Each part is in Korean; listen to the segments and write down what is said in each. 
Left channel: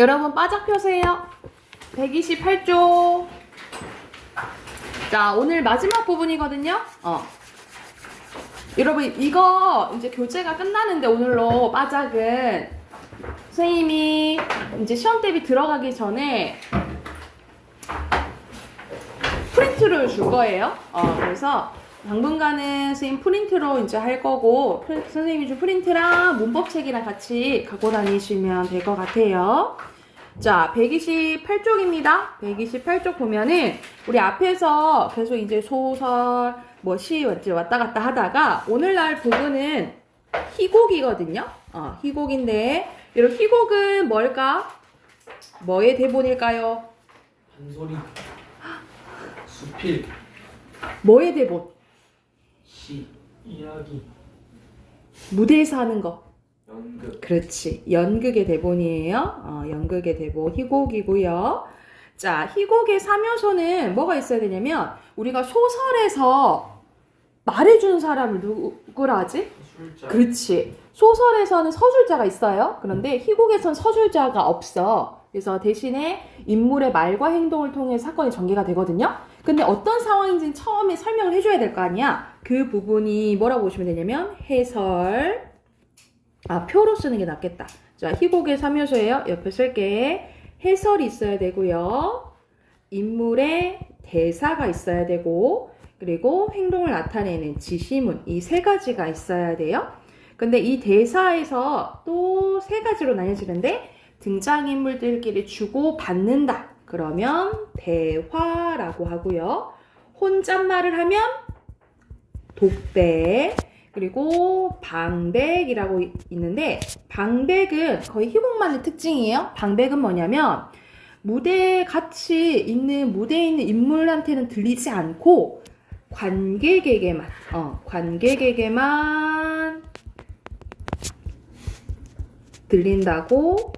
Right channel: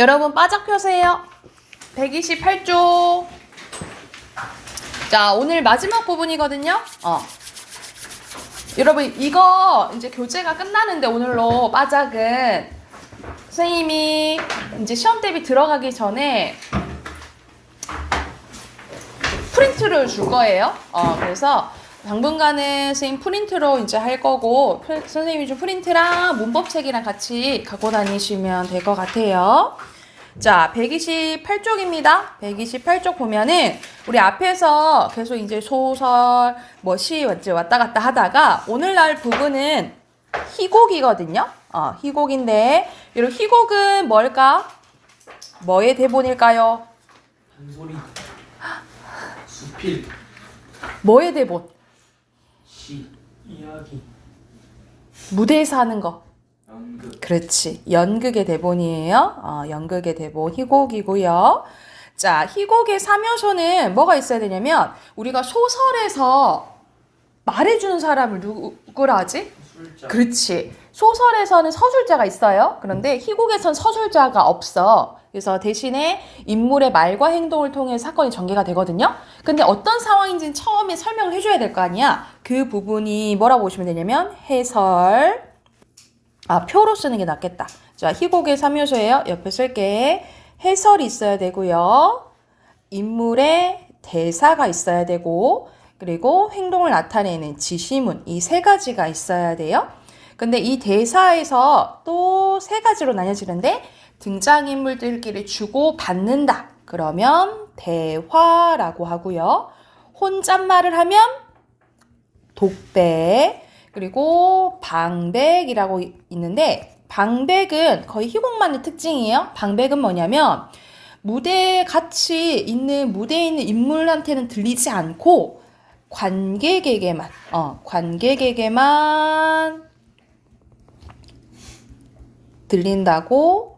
여러분 바짝 펴세요. 128쪽. 자, 오늘 마지막 부분이거든요. 여러분 이거 이제 교재가 끝나는데 오늘로 바짝은 선생님이 이제 시험 대비 들어가기 전에 프린트를 줄 거예요. 그래서 당분간은 선생님 프린트로 이제 할 거고 선생님이 좀 프린트랑 문법책이랑 같이 갖고 다니시면 될 것 같아요. 자, 128쪽입니다. 128쪽 보면은 우리 앞에서 계속 이제 소설, 시 왔다 갔다 하다가 오늘날 부분은 희곡이거든요. 희곡인데 이런 희곡은 뭘까? 뭐의 대본일까요? 한소리, 수필, 뭐의 대본? 시, 이야기, 무대에서 하는 거. 연극. 그렇지. 연극의 대본이에요. 연극의 대본 희곡이고요. 자, 희곡의 3요소는 뭐가 있어야 되냐면 우리가 소설에서 말해주는 사람을 누구라 하지? 술자. 그렇지. 소설에서는 서술자가 있어요. 그런데 희곡에선 서술자가 없어. 그래서 대신에 인물의 말과 행동을 통해 사건이 전개가 되거든요. 근데 어떤 상황인지는 처음에 설명을 해줘야 될 거 아니야. 그 부분이 뭐라고 보시면 되냐면 해설. 표로 쓰는 게 낫겠다. 자, 희곡의 3요소예요. 옆에 쓸게. 해설이 있어야 되고요. 인물의 대사가 있어야 되고, 그리고 행동을 나타내는 지시문, 이 세 가지가 있어야 돼요. 근데 이 대사에서 또 세 가지로 나뉘어지는데 등장인물들끼리 주고 받는다. 그러면 대화라고 하고요. 혼잣말을 하면 독백, 그리고 방백이라고 있는데 방백은 거의 희곡만의 특징이에요. 방백은 뭐냐면 무대에 같이 있는 무대에 있는 인물한테는 들리지 않고 관객에게만 들린다고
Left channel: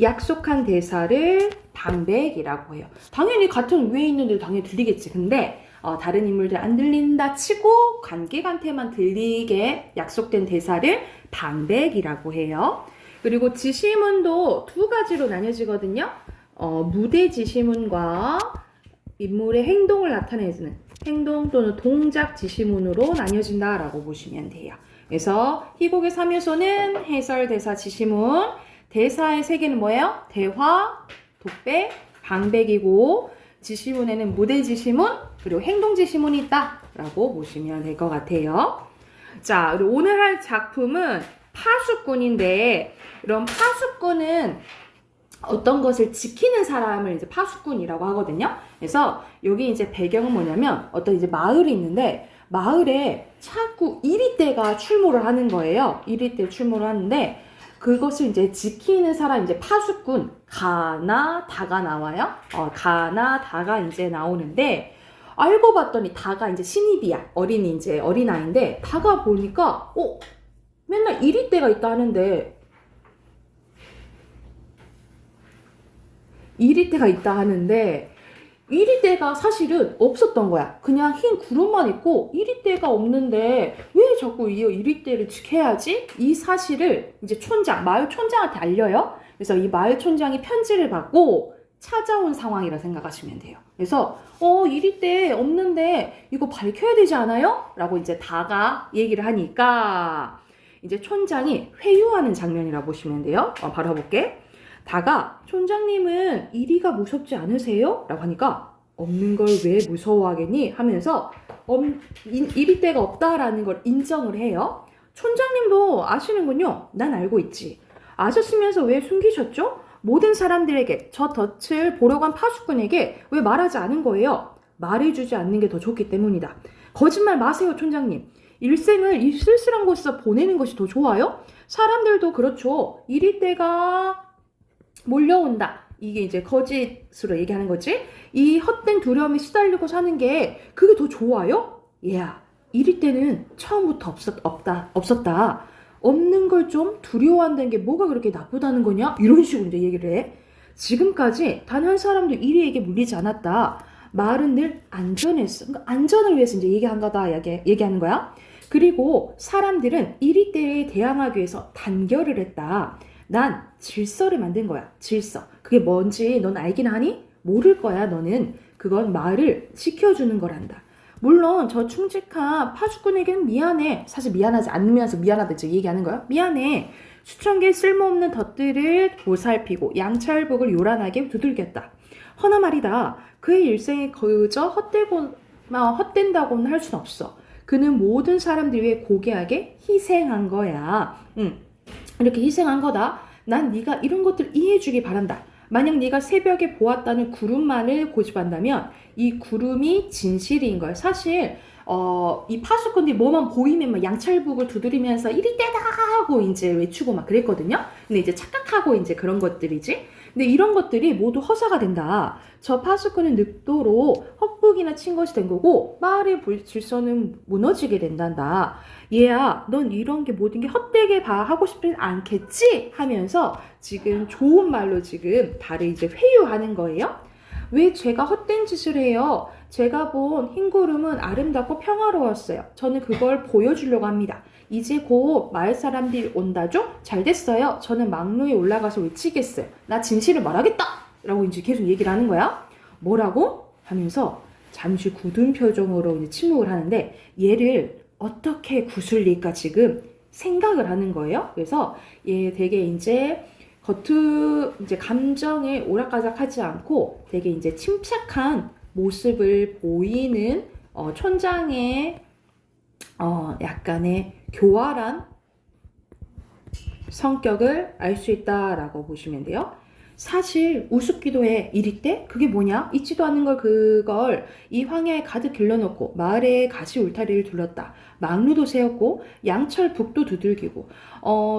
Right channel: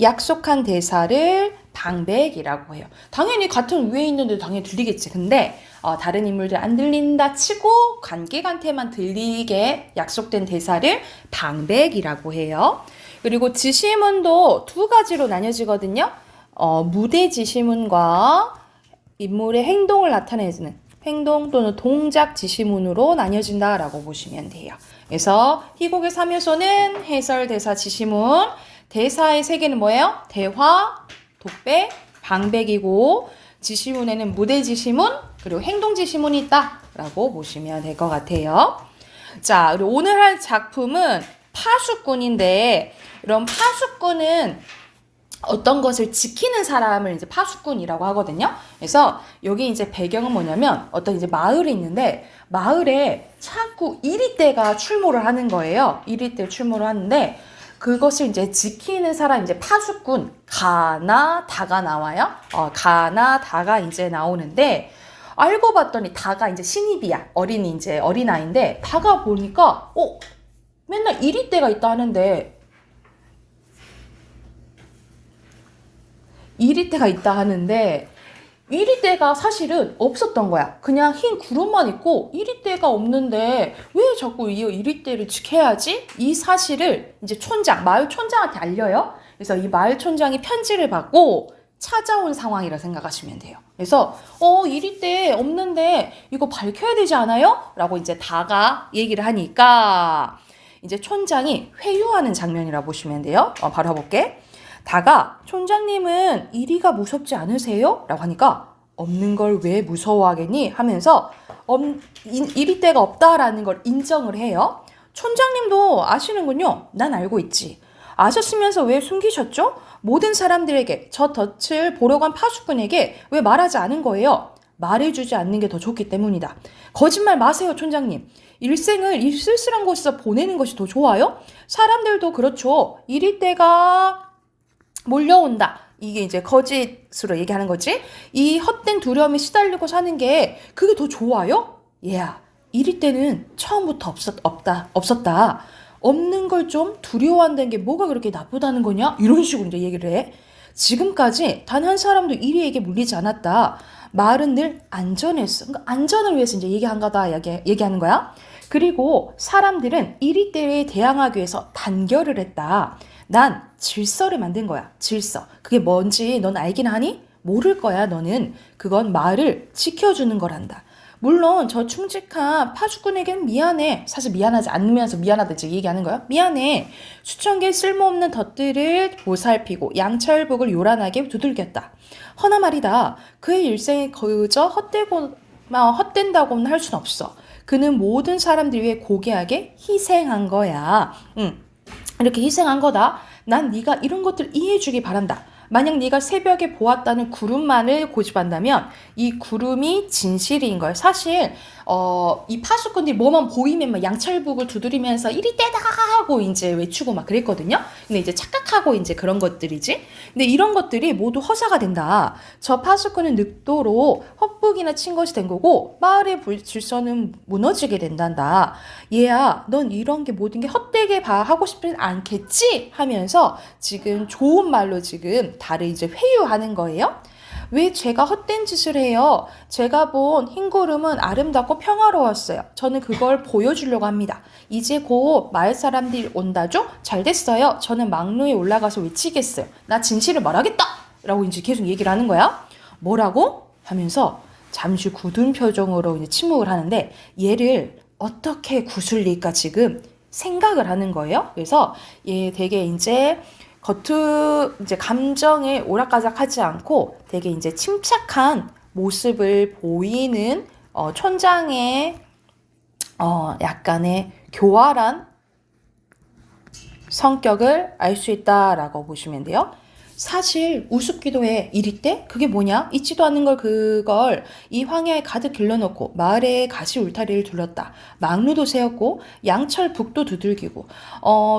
약속한 대사를 방백이라고 해요. 당연히 같은 위에 있는데 당연히 들리겠지. 근데 다른 인물들 안 들린다 치고 관객한테만 들리게 약속된 대사를 방백이라고 해요. 그리고 지시문도 두 가지로 나뉘어지거든요. 무대 지시문과 인물의 행동을 나타내는 행동 또는 동작 지시문으로 나뉘어진다라고 보시면 돼요. 그래서 희곡의 3요소는 해설, 대사, 지시문. 대사의 세 개는 뭐예요? 대화, 독백, 방백이고 지시문에는 무대 지시문, 그리고 행동 지시문이 있다라고 보시면 될 것 같아요. 자, 그리고 오늘 할 작품은 파수꾼인데 이런 파수꾼은 어떤 것을 지키는 사람을 이제 파수꾼이라고 하거든요. 그래서 여기 이제 배경은 뭐냐면 어떤 이제 마을이 있는데 마을에 자꾸 이리떼가 출몰을 하는 거예요. 이리떼 출몰을 하는데 그것을 이제 지키는 사람 이제 파수꾼 가나 다가 나와요. 가나 다가 이제 나오는데 알고 봤더니 다가 이제 신입이야. 이제 어린아이인데 다가 보니까 맨날 이리떼가 있다 하는데 이리떼가 사실은 없었던 거야. 그냥 흰 구름만 있고 이리떼가 없는데 왜 자꾸 이 이리떼를 지켜야지? 이 사실을 이제 마을 촌장한테 알려요. 그래서 이 마을 촌장이 편지를 받고 찾아온 상황이라 생각하시면 돼요. 그래서 이리떼 없는데 이거 밝혀야 되지 않아요? 라고 이제 다가 얘기를 하니까 이제 촌장이 회유하는 장면이라 보시면 돼요. 바로 해볼게. 다가 촌장님은 이리가 무섭지 않으세요? 라고 하니까 없는 걸 왜 무서워하겠니? 하면서 이리떼가 없다라는 걸 인정을 해요. 촌장님도 아시는군요. 난 알고 있지. 아셨으면서 왜 숨기셨죠? 모든 사람들에게 저 덫을 보러 간 파수꾼에게 왜 말하지 않은 거예요? 말해주지 않는 게 더 좋기 때문이다. 거짓말 마세요, 촌장님. 일생을 이 쓸쓸한 곳에서 보내는 것이 더 좋아요? 사람들도 그렇죠. 이리떼가 몰려온다. 이게 이제 거짓으로 얘기하는 거지. 이 헛된 두려움에 시달리고 사는 게 그게 더 좋아요? 얘야, 이리떼는 처음부터 없었다. 없는 걸 좀 두려워한다는 게 뭐가 그렇게 나쁘다는 거냐? 이런 식으로 이제 얘기를 해. 지금까지 단 한 사람도 이리에게 물리지 않았다. 말은 늘 안전했어. 그러니까 안전을 위해서 이제 얘기한 거다. 얘기하는 거야. 그리고 사람들은 이리떼에 대항하기 위해서 단결을 했다. 난 질서를 만든 거야. 질서. 그게 뭔지 넌 알긴 하니? 모를 거야, 너는. 그건 마을을 지켜주는 거란다. 물론 저 충직한 파수꾼에겐 미안해. 사실 미안하지 않으면서 미안하다 이제 얘기하는 거야. 미안해. 수천 개의 쓸모없는 덫들을 보살피고 양철북을 요란하게 두들겼다. 허나 말이다. 그의 일생이 그저 헛된다고는 할 순 없어. 그는 모든 사람들 위해 고귀하게 희생한 거야. 이렇게 희생한 거다. 난 네가 이런 것들 이해해주기 바란다. 만약 네가 새벽에 보았다는 구름만을 고집한다면 이 구름이 진실인 거예요. 사실 이 파수꾼들이 뭐만 보이면 막 양철북을 두드리면서 이리 떼다 하고 이제 외치고 막 그랬거든요. 근데 이제 착각하고 이제 그런 것들이지. 근데 이런 것들이 모두 허사가 된다. 저 파수꾼은 늑도로 헛북이나 친 것이 된 거고 마을의 질서는 무너지게 된단다. 얘야, 넌 이런 게 모든 게 헛되게 하고 싶진 않겠지? 하면서 지금 좋은 말로 지금 다를 이제 회유하는 거예요. 왜 제가 헛된 짓을 해요? 제가 본 흰구름은 아름답고 평화로웠어요. 저는 그걸 보여주려고 합니다. 이제 곧 마을 사람들이 온다죠? 잘 됐어요. 저는 막루에 올라가서 외치겠어요. 나 진실을 말하겠다! 라고 이제 계속 얘기를 하는 거야. 뭐라고? 하면서 잠시 굳은 표정으로 이제 침묵을 하는데 얘를 어떻게 구슬릴까 지금 생각을 하는 거예요. 그래서 얘 되게 이제 이제 감정에 오락가락하지 않고 되게 이제 침착한 모습을 보이는 촌장의 약간의 교활한 성격을 알 수 있다라고 보시면 돼요. 사실 우습기도 해. 이리 때? 그게 뭐냐? 있지도 않은 그걸 이 황야에 가득 길러놓고 마을에 가시 울타리를 둘렀다. 망루도 세웠고 양철 북도 두들기고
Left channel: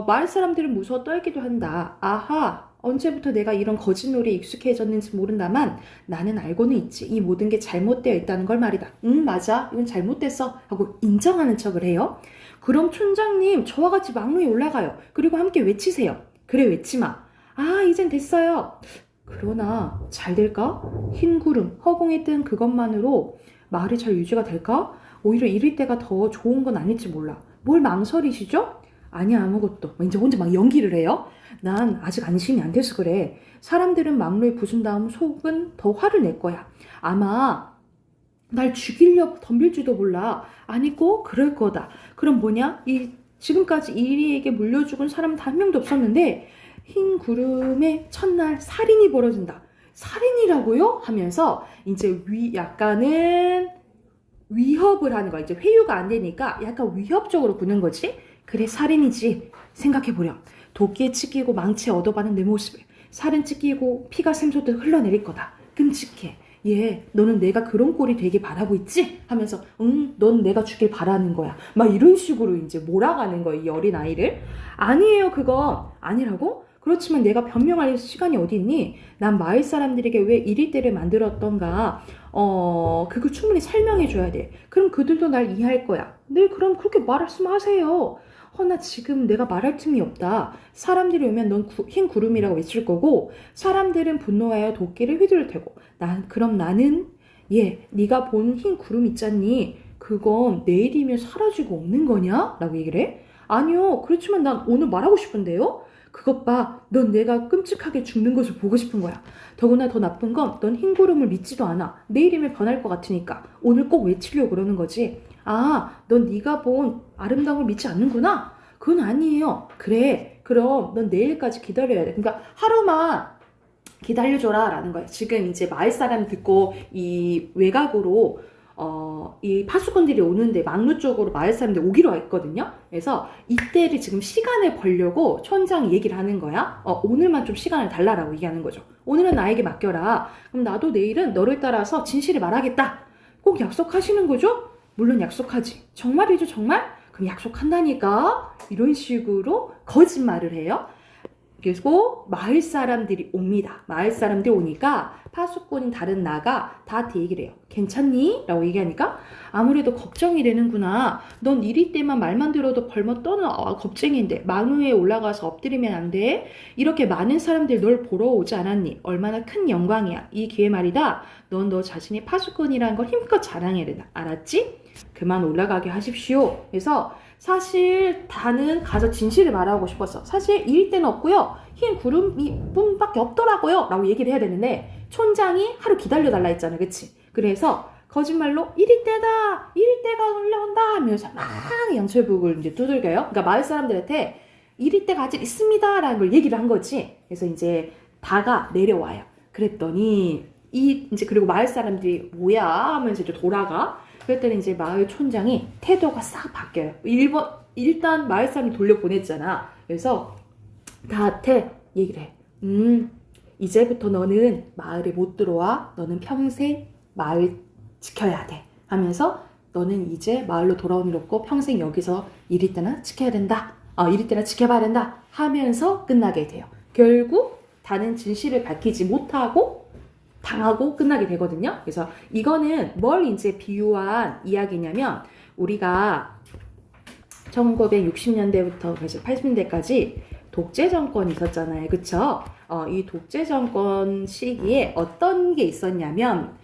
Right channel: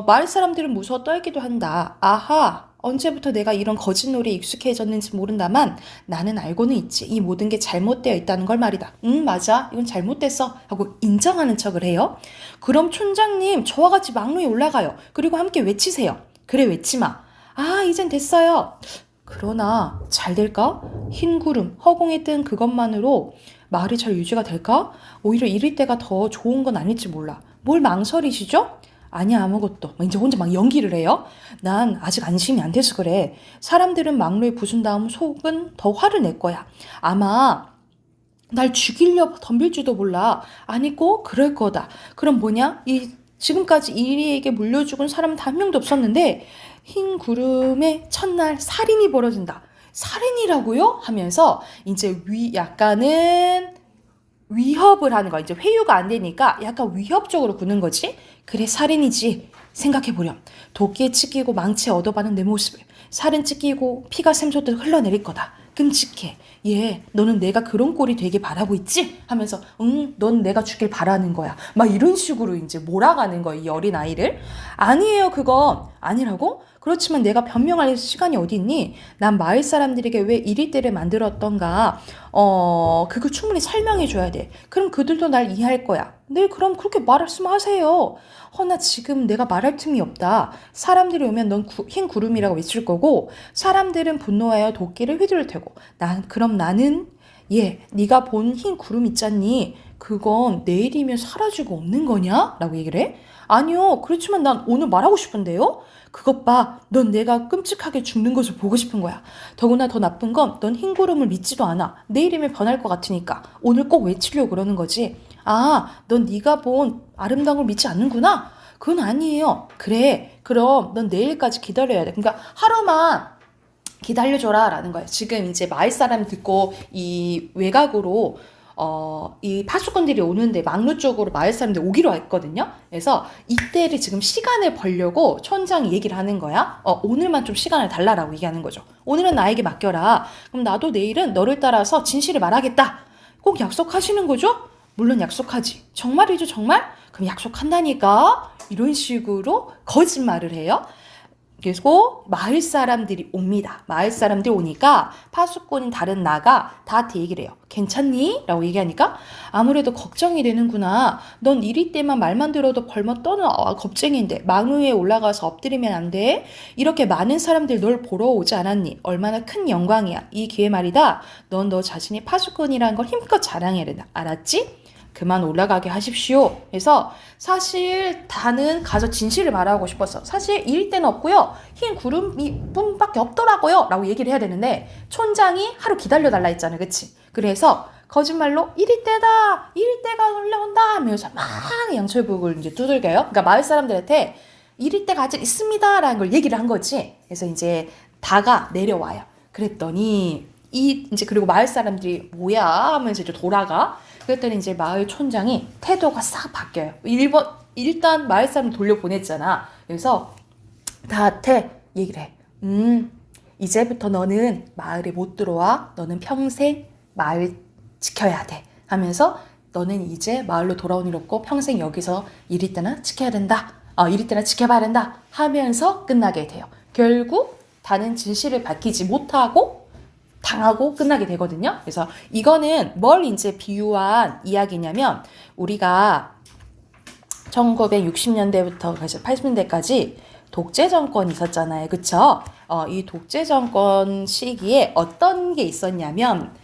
마을 사람들은 무서워 떨기도 한다. 아하, 언제부터 내가 이런 거짓놀이에 익숙해졌는지 모른다만 나는 알고는 있지. 이 모든 게 잘못되어 있다는 걸 말이다. 맞아. 이건 잘못됐어. 하고 인정하는 척을 해요. 그럼 촌장님 저와 같이 망루에 올라가요. 그리고 함께 외치세요. 그래, 외치마. 아, 이젠 됐어요. 그러나 잘 될까? 흰 구름, 허공에 뜬 그것만으로 마을이 잘 유지가 될까? 오히려 이럴 때가 더 좋은 건 아닐지 몰라. 뭘 망설이시죠? 아니야, 아무것도. 이제 혼자 막 연기를 해요. 난 아직 안심이 안 돼서 그래. 사람들은 막루에 부순 다음 속은 더 화를 낼 거야. 아마 날 죽이려 덤빌지도 몰라. 아니 꼭 그럴 거다. 그럼 뭐냐? 지금까지 이리에게 물려 죽은 사람은 단 한 명도 없었는데 흰 구름의 첫날 살인이 벌어진다. 살인이라고요? 하면서 이제 약간은 위협을 하는 거야. 이제 회유가 안 되니까 약간 위협적으로 구는 거지. 그래, 살인이지. 생각해보렴. 도끼에 찢기고 망치에 얻어맞은 내 모습을. 살은 찢기고 피가 샘솟듯 흘러내릴 거다. 끔찍해. 너는 내가 그런 꼴이 되게 바라고 있지? 하면서 넌 내가 죽길 바라는 거야. 막 이런 식으로 이제 몰아가는 거야, 이 어린 아이를. 아니에요, 그건. 아니라고? 그렇지만 내가 변명할 시간이 어디 있니? 난 마을 사람들에게 왜 이리 때를 만들었던가 그걸 충분히 설명해 줘야 돼. 그럼 그들도 날 이해할 거야. 네, 그럼 그렇게 말씀하세요. 허나 지금 내가 말할 틈이 없다. 사람들이 오면 넌 흰 구름이라고 외칠 거고 사람들은 분노하여 도끼를 휘두를 테고 그럼 나는 네가 본 흰 구름 있잖니? 그건 내일이면 사라지고 없는 거냐? 라고 얘기를 해. 아니요, 그렇지만 난 오늘 말하고 싶은데요? 그것 봐. 넌 내가 끔찍하게 죽는 것을 보고 싶은 거야. 더구나 더 나쁜 건 넌 흰 구름을 믿지도 않아. 내일이면 변할 것 같으니까. 오늘 꼭 외치려고 그러는 거지. 아, 넌 네가 본 아름다운 걸 믿지 않는구나? 그건 아니에요. 그래, 그럼 넌 내일까지 기다려야 돼. 그러니까 하루만 기다려줘라 라는 거예요. 지금 이제 마을 사람 듣고 이 외곽으로 이 파수꾼들이 오는데 막루 쪽으로 마을 사람들이 오기로 했거든요. 그래서 이때를 지금 시간을 벌려고 촌장이 얘기를 하는 거야. 오늘만 좀 시간을 달라라고 얘기하는 거죠. 오늘은 나에게 맡겨라. 그럼 나도 내일은 너를 따라서 진실을 말하겠다. 꼭 약속하시는 거죠? 물론 약속하지. 정말이죠, 정말? 그럼 약속한다니까. 이런 식으로 거짓말을 해요. 그리고 마을 사람들이 옵니다. 마을 사람들이 오니까 파수꾼인 다른 나가 다 얘기를 해요. 괜찮니? 라고 얘기하니까 아무래도 걱정이 되는구나. 넌 이리 때만 말만 들어도 벌먹 떠는 겁쟁이인데 망루에 올라가서 엎드리면 안 돼. 이렇게 많은 사람들이 널 보러 오지 않았니? 얼마나 큰 영광이야. 이 기회 말이다. 넌 너 자신이 파수꾼이라는 걸 힘껏 자랑해야 된다. 알았지? 그만 올라가게 하십시오. 그래서 사실 다는 가서 진실을 말하고 싶었어. 사실 이일 때는 없고요. 흰 구름이 뿐밖에 없더라고요. 라고 얘기를 해야 되는데 촌장이 하루 기다려달라 했잖아. 그치? 그래서 거짓말로 1일 때다! 1일 때가 올라온다! 하면서 막 양철북을 이제 두들겨요. 그러니까 마을 사람들한테 1일 때가 아직 있습니다! 라는 걸 얘기를 한 거지. 그래서 이제 다가 내려와요. 그랬더니 이제 그리고 마을 사람들이 뭐야? 하면서 이제 돌아가. 그랬더니 이제 마을 촌장이 태도가 싹 바뀌어요. 일단 마을 사람 돌려보냈잖아. 그래서 다한테 얘기를 해. 이제부터 너는 마을에 못 들어와. 너는 평생 마을 지켜야 돼. 하면서 너는 이제 마을로 돌아온 일 없고 평생 여기서 이리 때나 지켜야 된다. 이리 때나 지켜봐야 된다. 하면서 끝나게 돼요. 결국 다는 진실을 밝히지 못하고 당하고 끝나게 되거든요. 그래서 이거는 뭘 이제 비유한 이야기냐면 우리가 1960년대부터 80년대까지 독재 정권이 있었잖아요. 그쵸? 이 독재 정권 시기에 어떤 게 있었냐면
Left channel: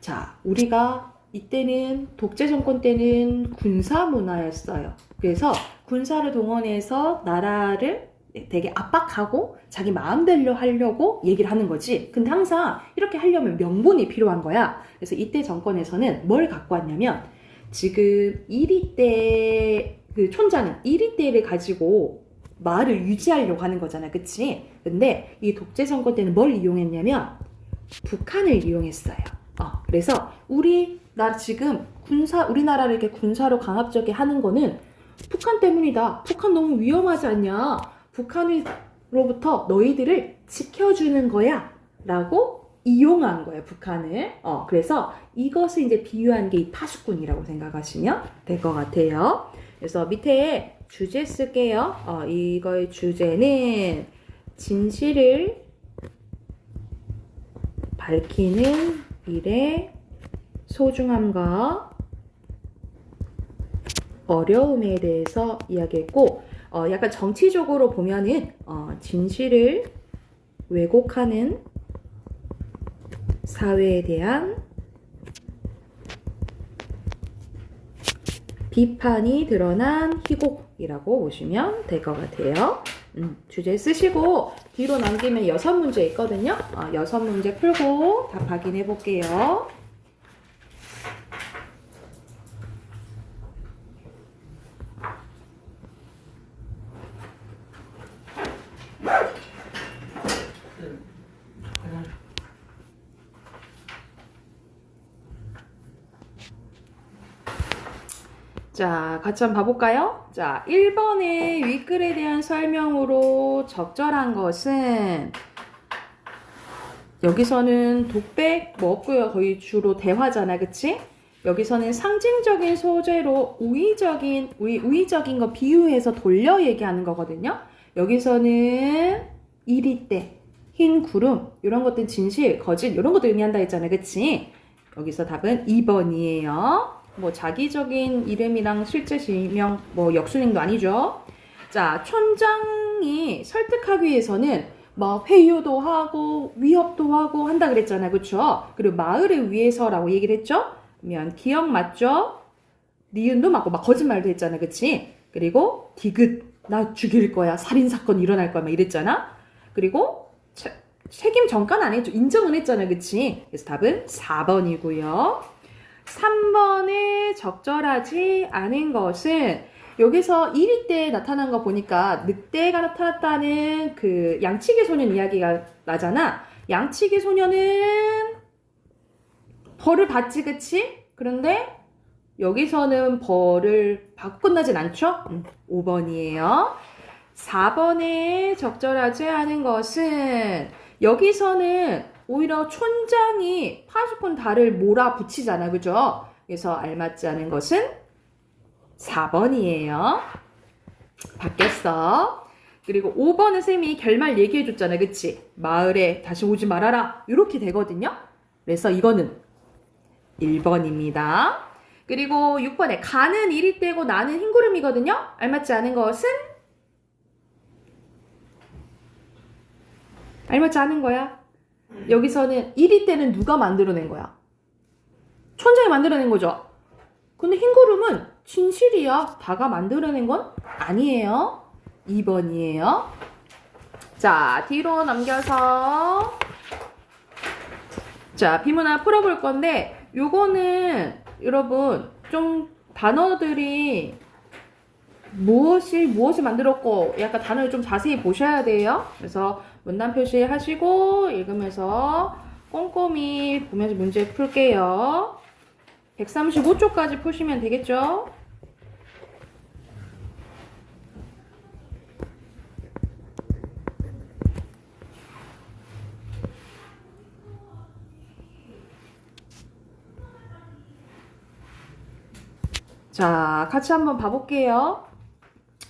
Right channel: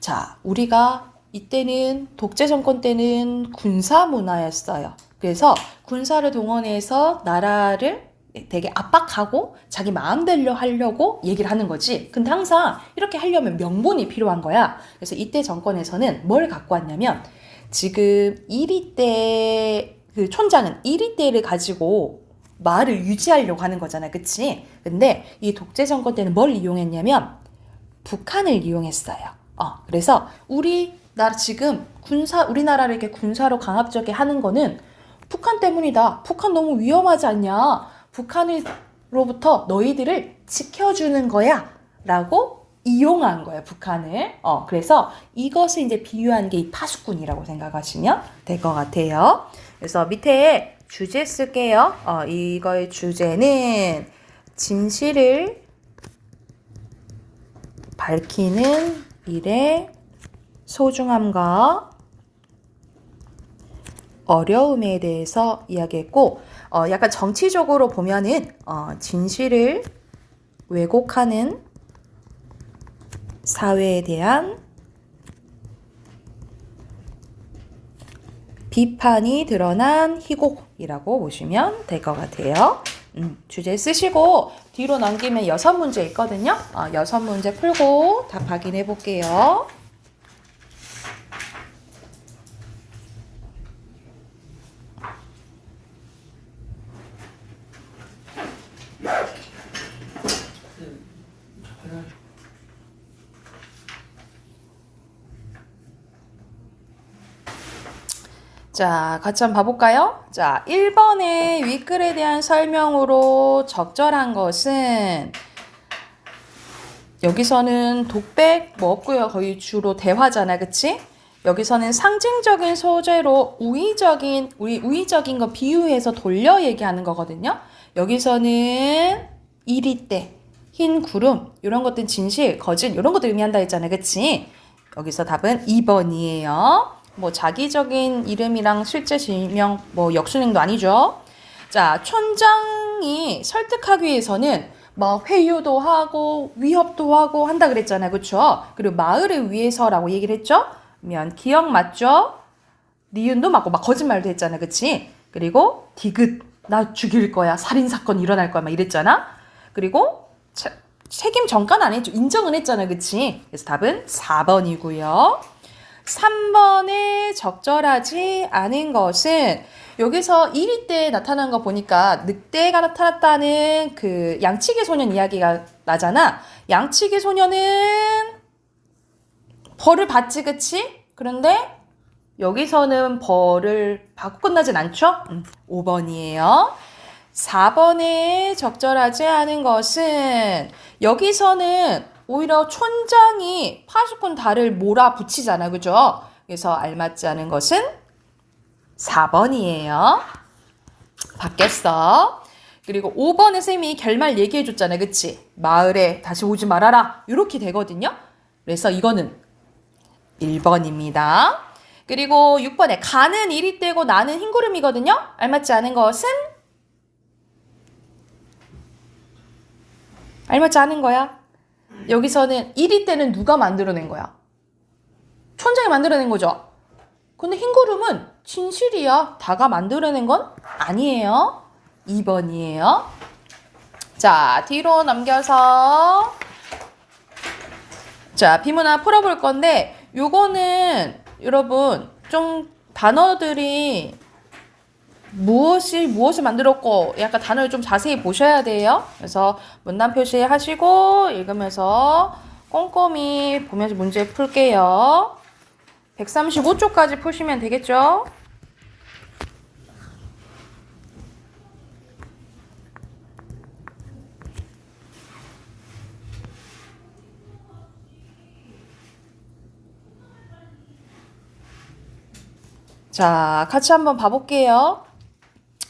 자, 우리가 이때는 독재 정권 때는 군사 문화였어요. 그래서 군사를 동원해서 나라를 되게 압박하고 자기 마음대로 하려고 얘기를 하는 거지. 근데 항상 이렇게 하려면 명분이 필요한 거야. 그래서 이때 정권에서는 뭘 갖고 왔냐면 지금 이리때 그 촌장은 이리때를 가지고 마을을 유지하려고 하는 거잖아. 그치? 근데 이 독재 정권 때는 뭘 이용했냐면 북한을 이용했어요. 그래서 지금 우리나라를 이렇게 군사로 강압적이게 하는 거는 북한 때문이다. 북한 너무 위험하지 않냐? 북한으로부터 너희들을 지켜주는 거야. 라고 이용한 거예요, 북한을. 그래서 이것을 이제 비유한 게 이 파수꾼이라고 생각하시면 될 것 같아요. 그래서 밑에 주제 쓸게요. 이거의 주제는 진실을 밝히는 일의 소중함과 어려움에 대해서 이야기했고 약간 정치적으로 보면은 진실을 왜곡하는 사회에 대한 비판이 드러난 희곡이라고 보시면 될 것 같아요. 주제 쓰시고 뒤로 넘기면 6문제 있거든요. 6문제 풀고 답 확인해 볼게요. 자, 같이 한번 봐볼까요? 자, 1번의 윗글에 대한 설명으로 적절한 것은 여기서는 독백 뭐 없고요. 거의 주로 대화잖아. 그치? 여기서는 상징적인 소재로 우의적인 거 비유해서 돌려 얘기하는 거거든요. 여기서는 이리때, 흰 구름, 이런 것들 진실, 거짓 이런 것들 의미한다 했잖아요. 그치? 여기서 답은 2번이에요. 뭐 자기적인 이름이랑 실제 지명 뭐 역순행도 아니죠. 자, 촌장이 설득하기 위해서는 막 회유도 하고 위협도 하고 한다 그랬잖아요. 그렇죠? 그리고 마을을 위해서라고 얘기를 했죠. 그러면 기억 맞죠? 니은도 맞고 막 거짓말도 했잖아. 그치? 그리고 디귿 나 죽일 거야. 살인사건 일어날 거야. 막 이랬잖아. 그리고 책임 전가는 안 했죠. 인정은 했잖아. 그치? 그래서 답은 4번이고요. 3번에 적절하지 않은 것은 여기서 1위 때 나타난 거 보니까 늑대가 나타났다는 그 양치기 소년 이야기가 나잖아. 양치기 소년은 벌을 받지, 그치? 그런데 여기서는 벌을 받고 끝나진 않죠? 5번이에요. 4번에 적절하지 않은 것은 여기서는 오히려 촌장이 파수꾼 달을 몰아붙이잖아. 그죠? 그래서 알맞지 않은 것은 4번이에요. 바뀌었어. 그리고 5번은 선생님이 결말 얘기해줬잖아. 그치? 마을에 다시 오지 말아라. 이렇게 되거든요. 그래서 이거는 1번입니다. 그리고 6번에 가는 이리 떼고 나는 흰구름이거든요. 알맞지 않은 것은 알맞지 않은 거야. 여기서는 이리 때는 누가 만들어낸 거야? 촌장이 만들어낸 거죠. 근데 흰구름은 진실이야. 다가 만들어낸 건 아니에요. 2번이에요. 자, 뒤로 넘겨서 자, 비문화 풀어볼 건데 요거는 여러분 좀 단어들이 무엇을 만들었고 약간 단어를 좀 자세히 보셔야 돼요. 그래서 문단 표시 하시고 읽으면서 꼼꼼히 보면서 문제 풀게요. 135쪽까지 푸시면 되겠죠? 자, 같이 한번 봐볼게요.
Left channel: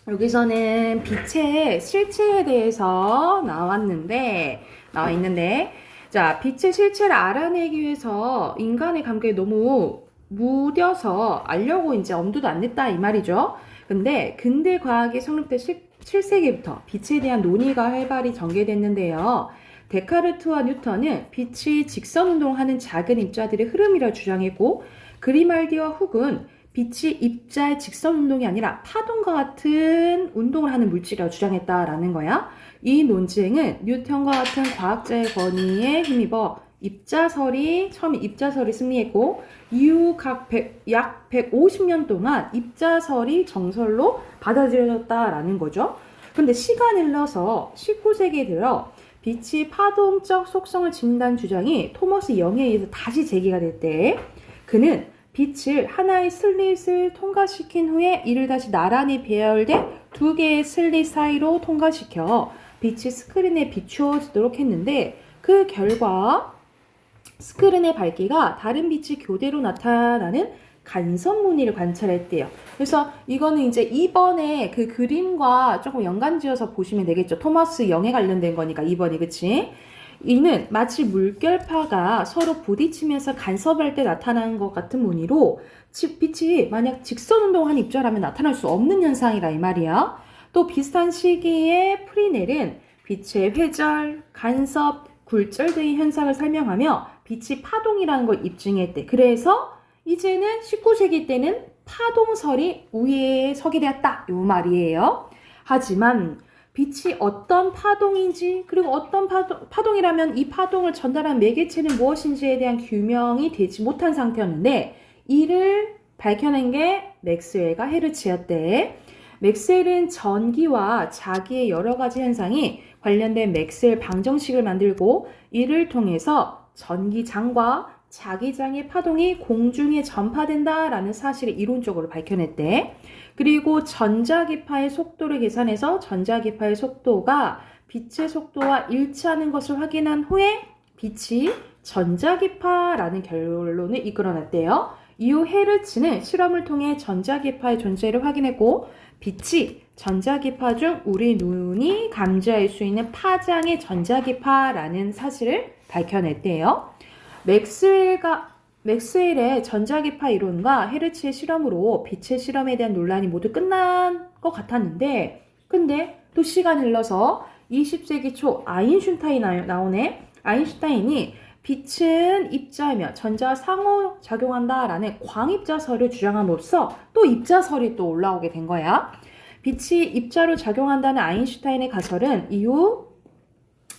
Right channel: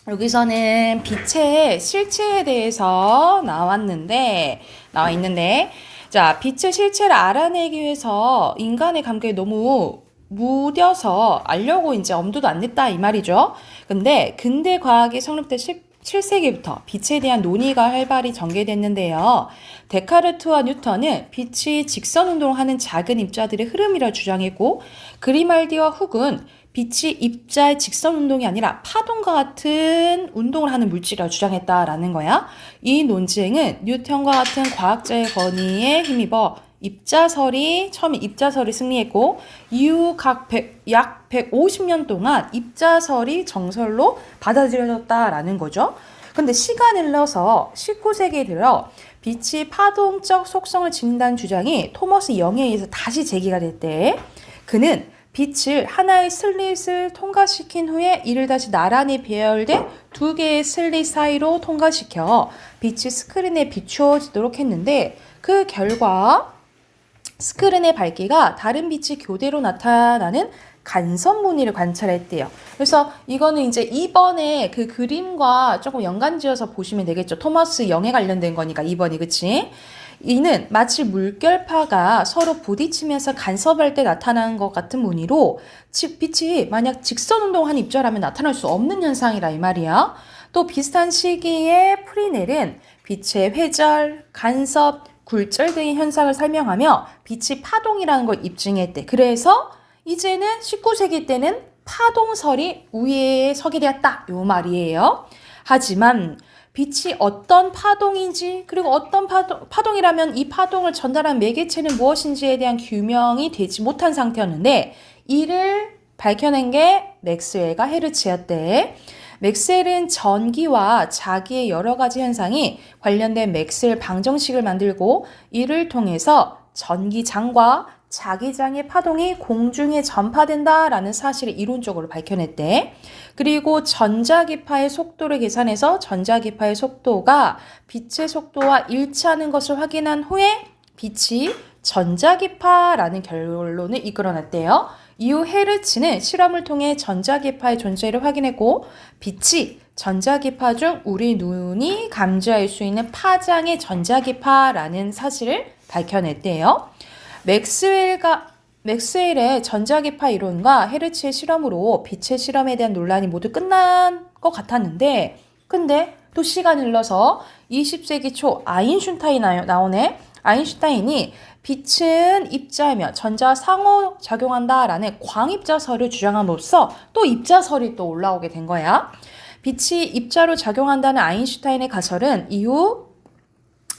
여기서는 빛의 실체에 대해서 나와 있는데, 자, 빛의 실체를 알아내기 위해서 인간의 감각에 너무 무뎌서 알려고 이제 엄두도 안 냈다 이 말이죠. 근데 근대 과학이 성립된 17세기부터 빛에 대한 논의가 활발히 전개됐는데요. 데카르트와 뉴턴은 빛이 직선 운동하는 작은 입자들의 흐름이라 주장했고, 그리말디와 훅은 빛이 입자의 직선 운동이 아니라 파동과 같은 운동을 하는 물질이라고 주장했다라는 거야. 이 논쟁은 뉴턴과 같은 과학자의 권위에 힘입어 처음에 입자설이 승리했고, 이후 약 150년 동안 입자설이 정설로 받아들여졌다라는 거죠. 근데 시간을 흘러서 19세기에 들어 빛이 파동적 속성을 지닌다는 주장이 토머스 영에 의해서 다시 제기가 됐대. 그는 빛을 하나의 슬릿을 통과시킨 후에 이를 다시 나란히 배열된 두 개의 슬릿 사이로 통과시켜 빛이 스크린에 비추어지도록 했는데, 그 결과 스크린의 밝기가 다른 빛이 교대로 나타나는 간섭 무늬를 관찰했대요. 그래서 이거는 이제 2번의 그 그림과 조금 연관지어서 보시면 되겠죠. 토머스 영에 관련된 거니까 2번이, 그치? 이는 마치 물결파가 서로 부딪히면서 간섭할 때 나타나는 것 같은 무늬로 빛이 만약 직선 운동한 입자라면 나타날 수 없는 현상이라 이 말이야. 또 비슷한 시기에 프리넬은 빛의 회절, 간섭, 굴절 등의 현상을 설명하며 빛이 파동이라는 걸 입증했대. 그래서 이제는 19세기 때는 파동설이 우위에 서게 되었다 요 말이에요. 하지만 빛이 어떤 파동인지, 그리고 어떤 파동이라면 이 파동을 전달한 매개체는 무엇인지에 대한 규명이 되지 못한 상태였는데, 이를 밝혀낸 게 맥스웰과 헤르츠였대. 맥스웰은 전기와 자기의 여러 가지 현상이 관련된 맥스웰 방정식을 만들고, 이를 통해서 전기장과 자기장의 파동이 공중에 전파된다라는 사실을 이론적으로 밝혀냈대. 그리고 전자기파의 속도를 계산해서 전자기파의 속도가 빛의 속도와 일치하는 것을 확인한 후에 빛이 전자기파라는 결론을 이끌어냈대요. 이후 헤르츠는 실험을 통해 전자기파의 존재를 확인했고, 빛이 전자기파 중 우리 눈이 감지할 수 있는 파장의 전자기파라는 사실을 밝혀냈대요. 맥스웰의 전자기파 이론과 헤르츠의 실험으로 빛의 실험에 대한 논란이 모두 끝난 것 같았는데, 근데 또 시간이 흘러서 20세기 초 아인슈타인이 나오네. 아인슈타인이 빛은 입자이며 전자와 상호작용한다라는 광입자설을 주장함으로써 또 입자설이 또 올라오게 된 거야. 빛이 입자로 작용한다는 아인슈타인의 가설은 이후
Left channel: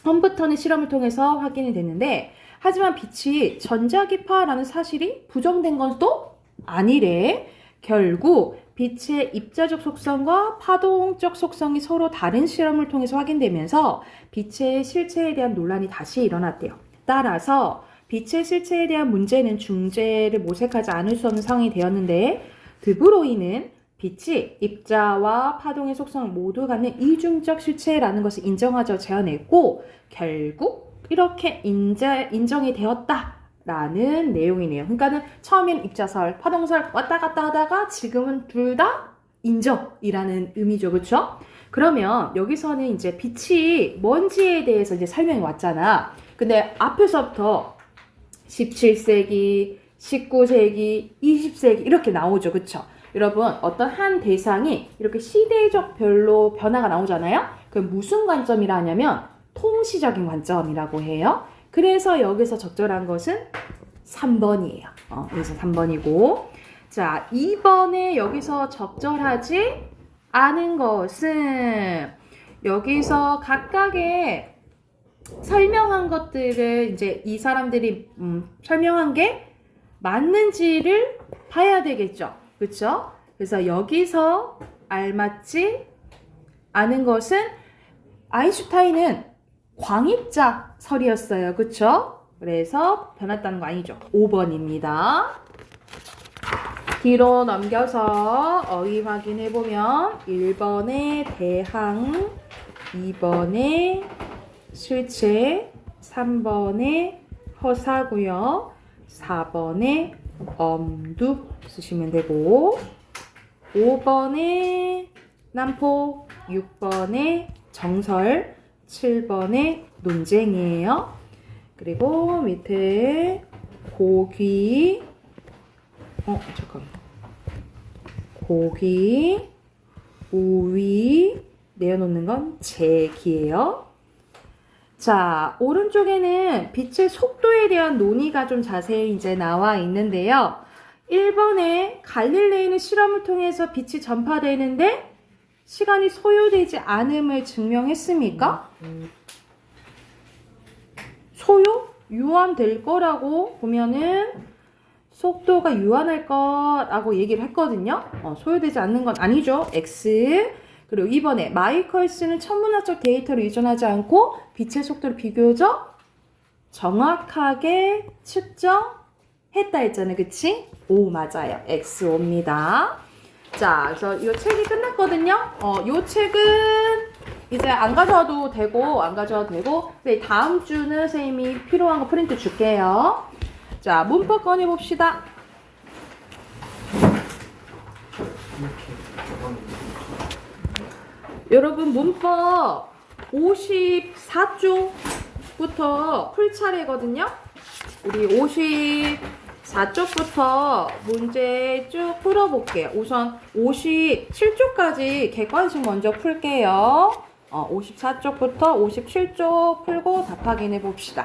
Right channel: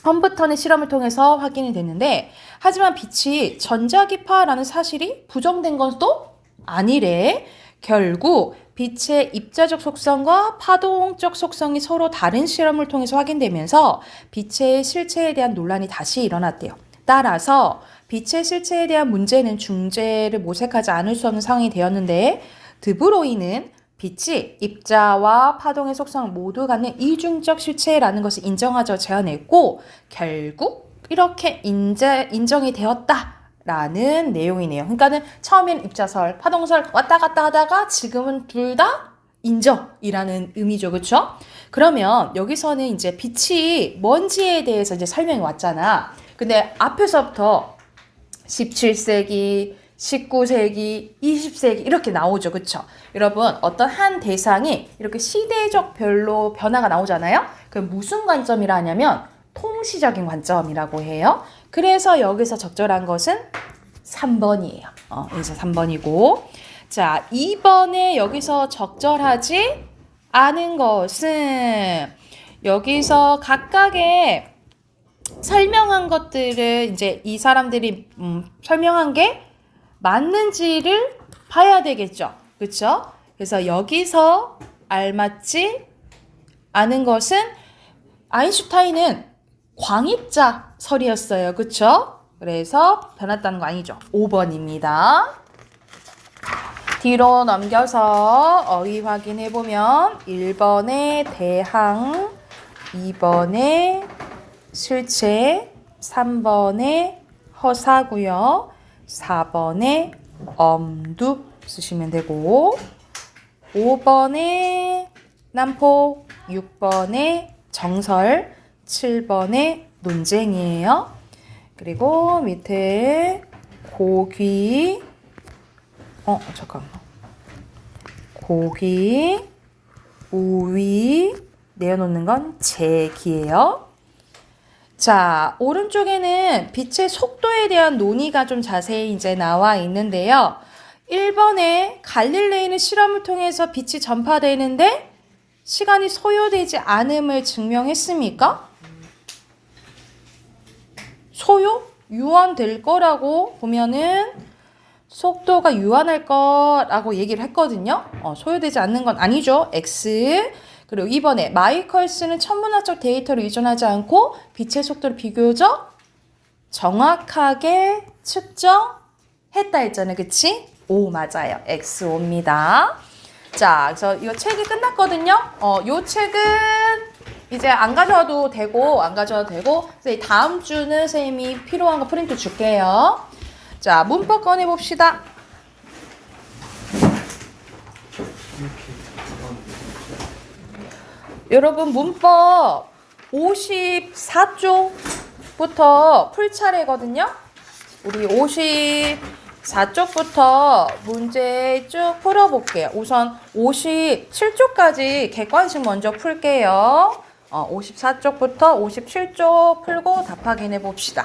험브턴의 실험을 통해서 확인이 됐는데, 하지만 빛이 전자기파라는 사실이 부정된 건 또 아니래. 결국 빛의 입자적 속성과 파동적 속성이 서로 다른 실험을 통해서 확인되면서 빛의 실체에 대한 논란이 다시 일어났대요. 따라서 빛의 실체에 대한 문제는 중재를 모색하지 않을 수 없는 상황이 되었는데, 드브로이는 빛이 입자와 파동의 속성을 모두 갖는 이중적 실체라는 것을 인정하자 제안했고, 결국 이렇게 인정이 되었다라는 내용이네요. 그러니까는 처음엔 입자설, 파동설 왔다 갔다 하다가 지금은 둘 다 인정이라는 의미죠. 그렇죠? 그러면 여기서는 이제 빛이 뭔지에 대해서 이제 설명이 왔잖아. 근데 앞에서부터 17세기, 19세기, 20세기 이렇게 나오죠. 그렇죠? 여러분, 어떤 한 대상이 이렇게 시대적 별로 변화가 나오잖아요. 그 무슨 관점이라 하냐면 통시적인 관점이라고 해요. 그래서 여기서 적절한 것은 3번이에요. 여기서 3번이고. 자, 2번에 여기서 적절하지 않은 것은 여기서 각각의 설명한 것들을 이제 이 사람들이 설명한 게 맞는지를 봐야 되겠죠. 그쵸? 그래서 여기서 알맞지 않은 것은 아인슈타인은 광입자설이었어요. 그쵸? 그래서 변했다는 거 아니죠. 5번입니다. 뒤로 넘겨서 어휘 확인해 보면 1번에 대항, 2번에 실체, 3번에 허사고요. 4번에 엄두 쓰시면 되고 5번에 난폭, 6번에 정설, 7번에 논쟁이에요. 그리고 밑에 고귀, 잠깐만. 고귀, 우위, 내어놓는 건 제기예요. 자, 오른쪽에는 빛의 속도에 대한 논의가 좀 자세히 이제 나와 있는데요. 1번에 갈릴레이는 실험을 통해서 빛이 전파되는데 시간이 소요되지 않음을 증명했습니까? 소요? 유한될 거라고 보면은 속도가 유한할 거라고 얘기를 했거든요. 소요되지 않는 건 아니죠. X. 그리고 2번에 마이컬스는 천문학적 데이터를 의존하지 않고 빛의 속도를 비교적 정확하게 측정했다 했잖아요. 그치? O 맞아요. X5입니다. 자, 그래서 이 책이 끝났거든요. 이 책은 이제 안 가져와도 되고 그래서 다음 주는 선생님이 필요한 거 프린트 줄게요. 자, 문법 꺼내봅시다. 여러분 문법 54쪽부터 풀 차례거든요. 우리 54쪽부터 문제 쭉 풀어볼게요. 우선 57쪽까지 객관식 먼저 풀게요. 54쪽부터 57쪽 풀고 답 확인해 봅시다.